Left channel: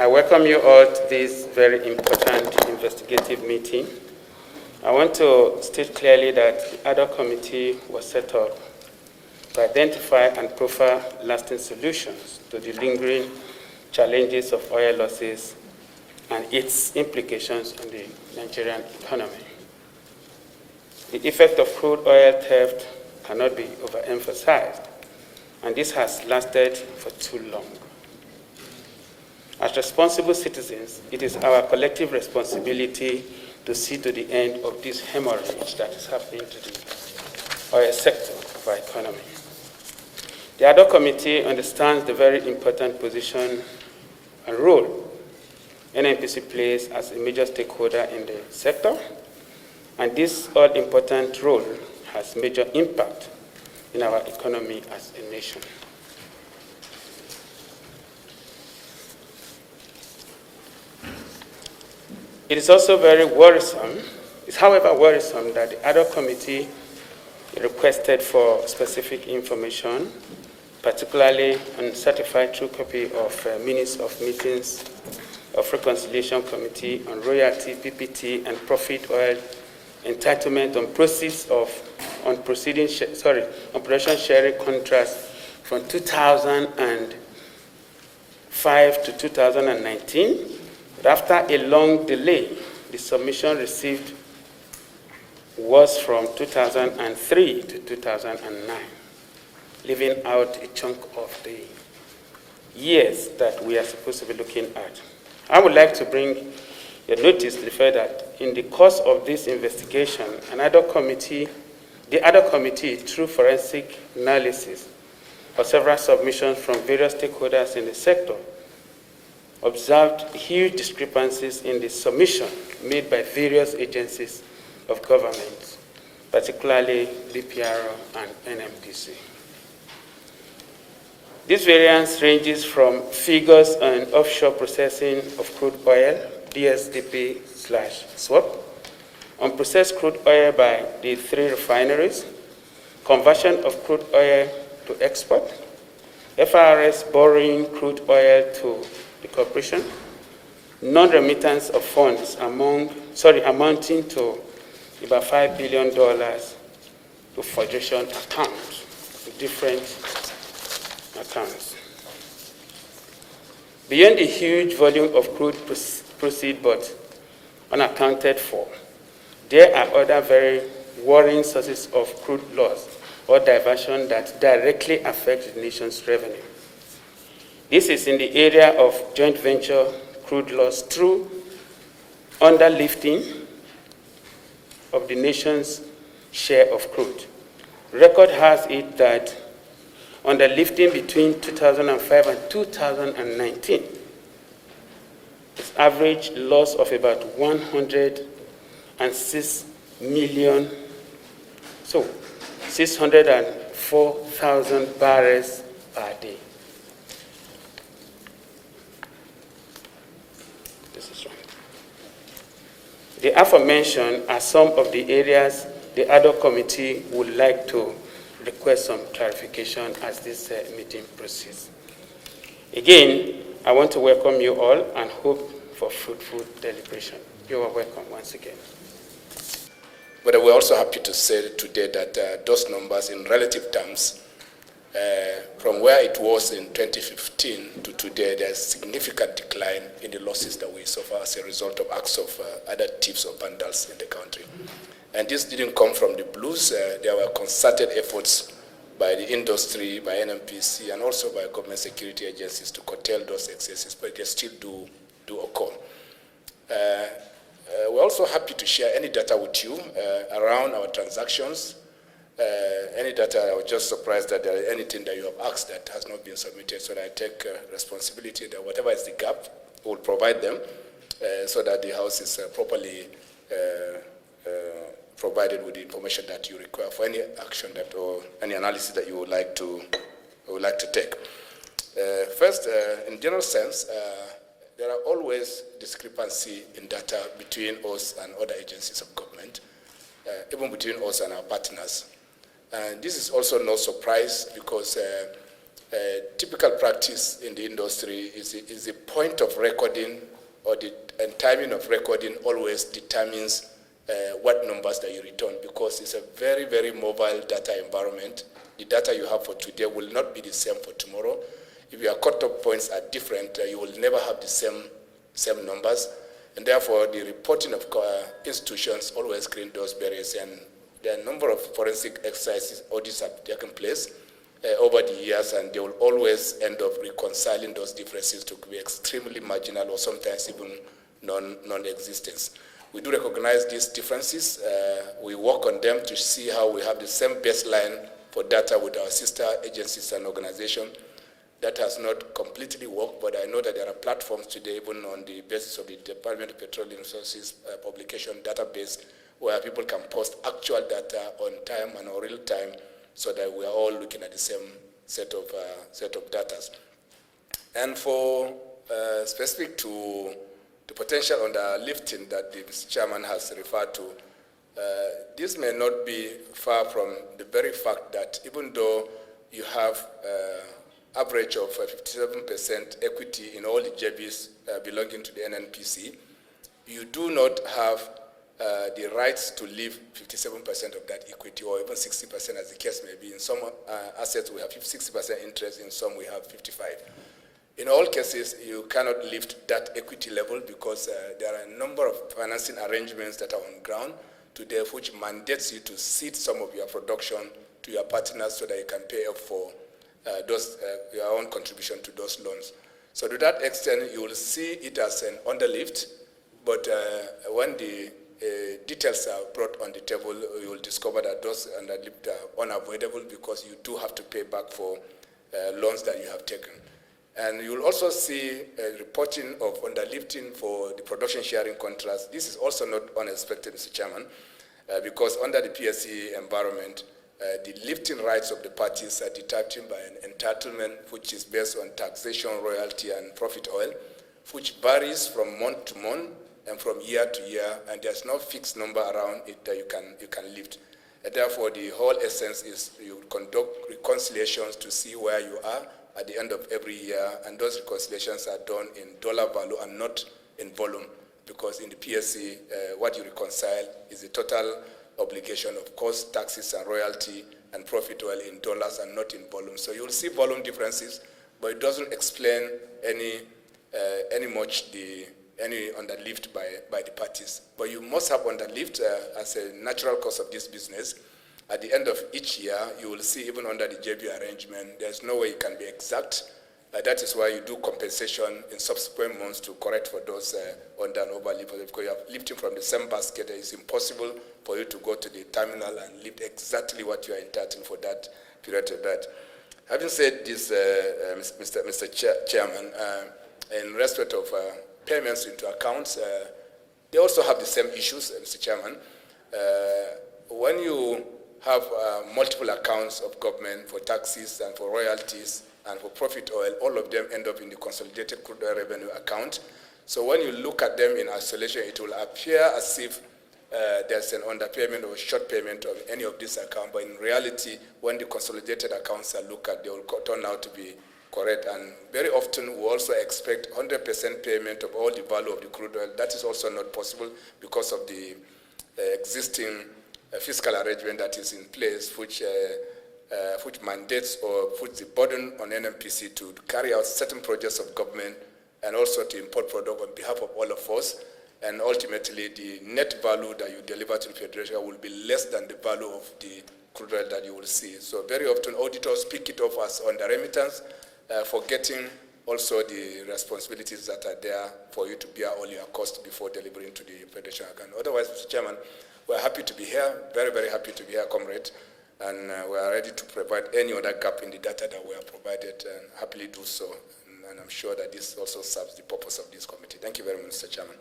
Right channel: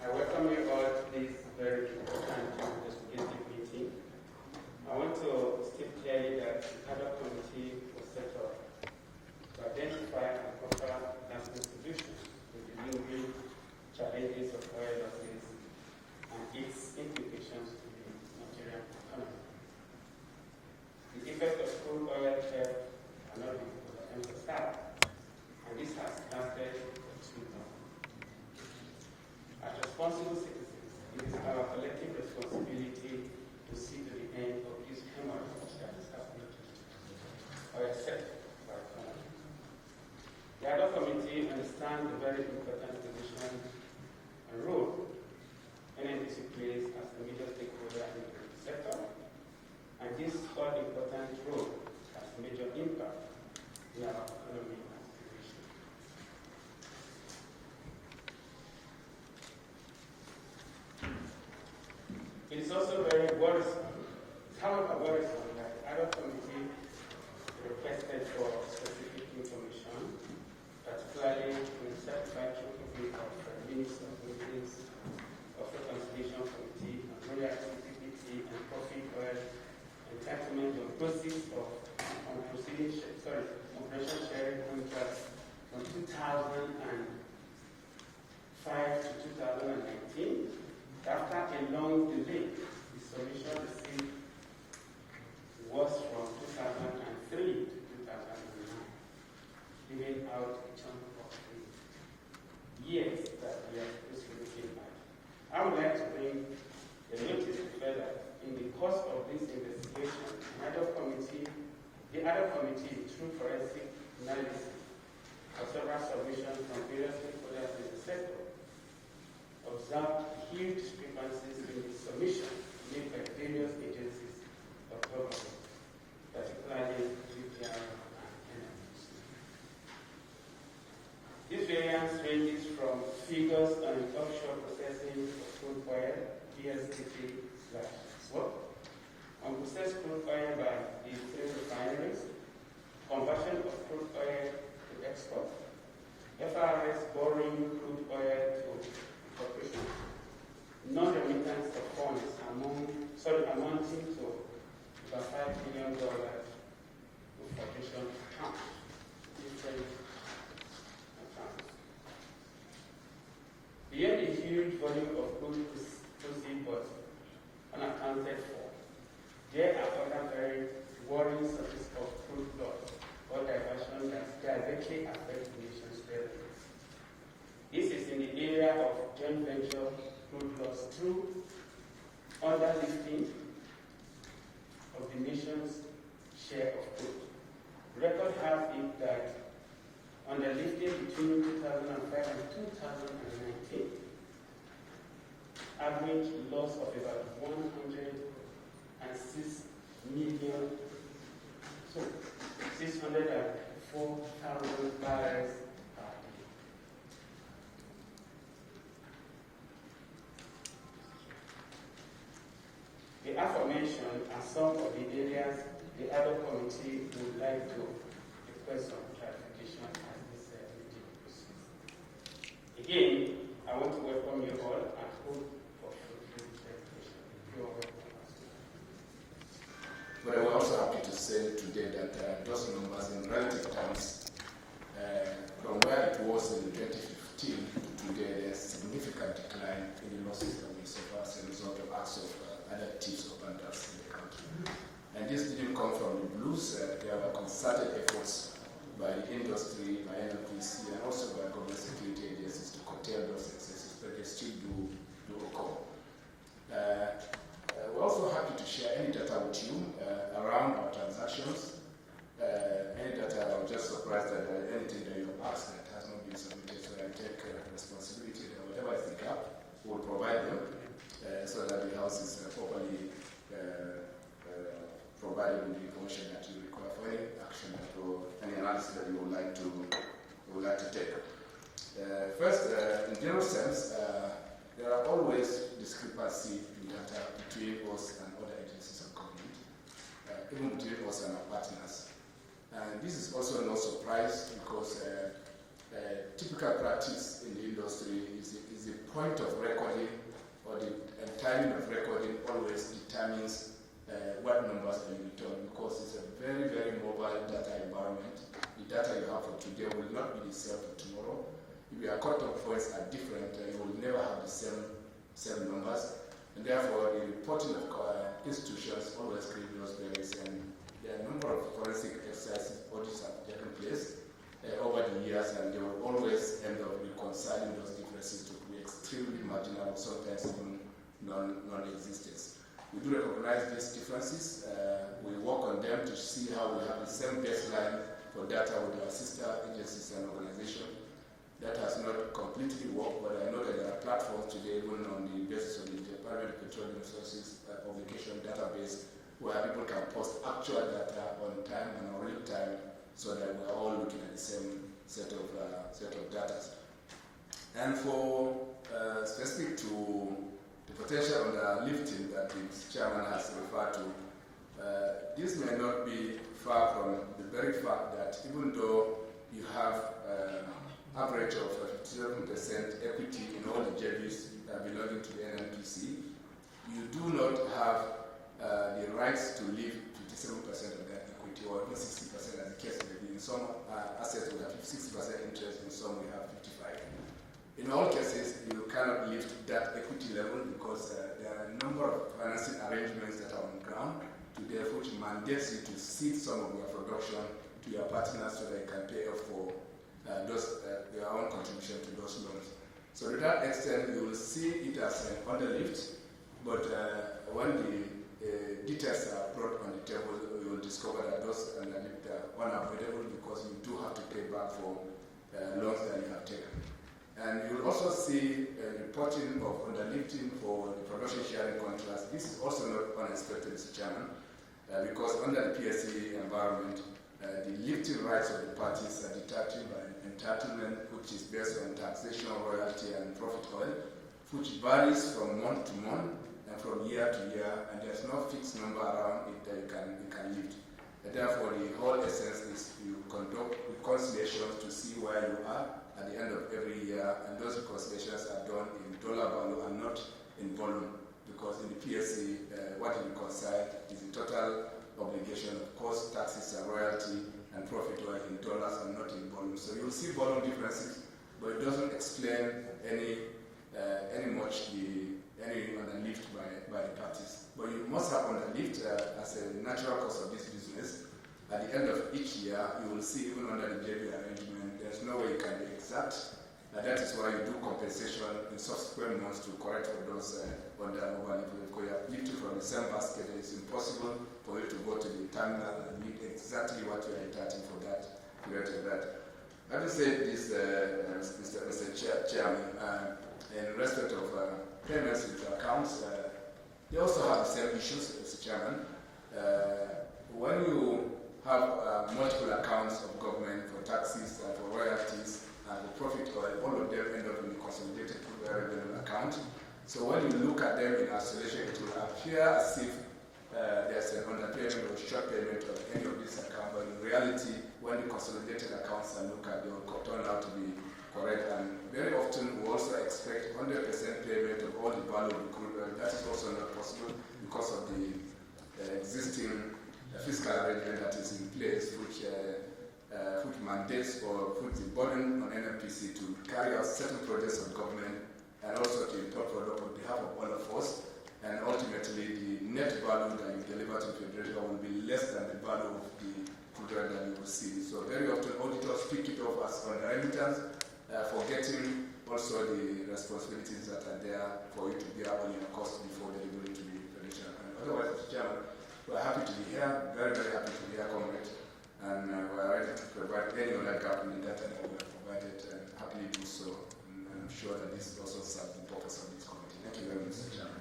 I welcome you all to this very important investigative meeting. I want to state clearly that the ad hoc committee was set up to identify and proffer lasting solutions to the lingering challenges of oil losses and its implications on the Nigerian economy. The effect of crude oil theft cannot be overemphasized, and this has lasted for too long. As responsible citizens, it is our collective responsibility to see to the end of this hemorrhage that is happening to the oil sector of our economy. The ad hoc committee understands the very important position and role NNPC plays as a major stakeholder in the sector, and this all-important role has major impact in our economy as a nation. It is also very worrisome, it's however worrisome that the ad hoc committee requested for specific information, particularly on certified true copy of minutes of meetings of Reconciliation Committee on royalty, PPT, and profit oil entitlement on proceeds of on production sharing contracts from 2005 to 2019. But after a long delay, the submission received was from 2003 to 2009, leaving out a chunk of the years that we are supposed to be looking at. I would like to bring your notice to the fact that in the course of this investigation, the ad hoc committee, through forensic analysis of several submissions from various stakeholders in the sector, observed huge discrepancies in the submission made by various agencies of government, particularly BPRO and NNPC. This variance ranges from figures on offshore processing of crude oil, DSDP/swap, on processed crude oil by the 3 refineries, conversion of crude oil to export, FRS borrowing crude oil to the corporation, non-remittance of funds amounting to about $5 billion to Federation accounts, different accounts. Beyond the huge volume of crude proceeds but unaccounted for, there are other very worrying sources of crude loss or diversion that directly affect the nation's revenue. This is in the area of joint venture crude loss through underlifting of the nation's share of crude. Record has it that underlifting between 2005 and 2019, its average loss of about 106 million, so 604,000 barrels per day. This is right. The aforementioned are some of the areas the ad hoc committee would like to request some clarification as this meeting proceeds. Again, I want to welcome you all and hope for fruitful deliberation. You are welcome once again. But we're also happy to say today that those numbers in relative terms, from where it was in 2015 to today, there's significant decline in the losses that we suffer as a result of acts of other thieves or vandals in the country. And this didn't come from the blues. There were concerted efforts by the industry, by NNPC, and also by government security agencies to curtail those excesses, but they still do occur. We're also happy to share any data with you around our transactions. Any data, I was just surprised that there is anything that you have asked that has not been submitted, so that I take responsibility that whatever is the gap, we'll provide them so that the House is properly provided with the information that you require for any action that or any analysis that you would like to take. First, in general sense, there are always discrepancy in data between us and other agencies of government, even between us and our partners. And this is also no surprise because typical practice in the industry is the point of recording or the timing of recording always determines what numbers that you return, because it's a very, very mobile data environment. The data you have for today will not be the same for tomorrow. If your cut-off points are different, you will never have the same numbers, and therefore the reporting of institutions always create those barriers. And there are a number of forensic exercises, audits have taken place over the years, and they will always end up reconciling those differences to be extremely marginal or sometimes even non-existent. We do recognize these differences. We work on them to see how we have the same baseline for data with our sister agencies and organizations. That has not completely worked, but I know that there are platforms today, even on the basis of the Department of Petroleum Resources publication database, where people can post actual data on time and on real time, so that we are all looking at the same set of data. And for specific to the potential underlifting that the Mr. Chairman has referred to, this may not be far from the very fact that even though you have average of 57% equity in all the JVs belonging to the NNPC, you do not have the rights to leave 57% of that equity, or even 60% as the case may be. In some assets we have 60% interest, in some we have 55%. In all cases, you cannot lift that equity level because there are a number of financing arrangements that are on ground today which mandates you to cede some of your production to your partners so that you can pay off for your own contribution to those loans. So to that extent, you will see it as an underlift, but when the details are brought on the table, you will discover that those underlift are unavoidable because you do have to pay back for loans that you have taken. And you will also see a reporting of underlifting for the production sharing contracts. This is also not unexpected, Mr. Chairman, because under the PSC environment, the lifting rights of the parties are determined by an entitlement which is based on taxation, royalty, and profit oil, which varies from month to month and from year to year, and there's no fixed number around it that you can lift. And therefore, the whole essence is you conduct reconciliations to see where you are at the end of every year, and those reconciliations are done in dollar value and not in volume, because in the PSC, what you reconcile is the total obligation of cost, taxes, and royalty, and profit oil in dollars and not in volume. So you'll see volume differences, but it doesn't explain any underlift by the parties. But you must have underlift as a natural course of this business. At the end of each year, you will see, even under the JV arrangement, there's no way it can be exact. That is why you do compensation in subsequent months to correct for those under and over lift. Because you are lifting from the same basket, it's impossible for you to go to the terminal and lift exactly what you are entitled for that period of that. Having said this, Mr. Chairman, in respect of payments into accounts, they also have the same issues, Mr. Chairman. When you have multiple accounts of government for taxes and for royalties and for profit oil, all of them end up in the consolidated crude oil revenue account. So when you look at them in isolation, it will appear as if there's an underpayment or short payment of any of these accounts, but in reality, when the consolidated accounts are looked at, they will turn out to be correct. And very often, we also expect 100% payment of all the value of the crude oil. That is also not possible because of the existing fiscal arrangement that is in place, which mandates or puts the burden on NNPC to carry out certain projects of government and also to import product on behalf of all of us. And ultimately, the net value that you deliver to the Federation will be less than the value of the crude oil that you will see. So very often, auditors pick it off as under remittance, forgetting also the responsibilities that are there for you to bear all your costs before delivering to the Federation account. Otherwise, Mr. Chairman, we're happy to be here, very, very happy to be here, comrade, and we are ready to provide any other gap in the data that we have provided, and happily do so. And I'm sure that this also serves the purpose of this committee. Thank you very much, Mr. Chairman.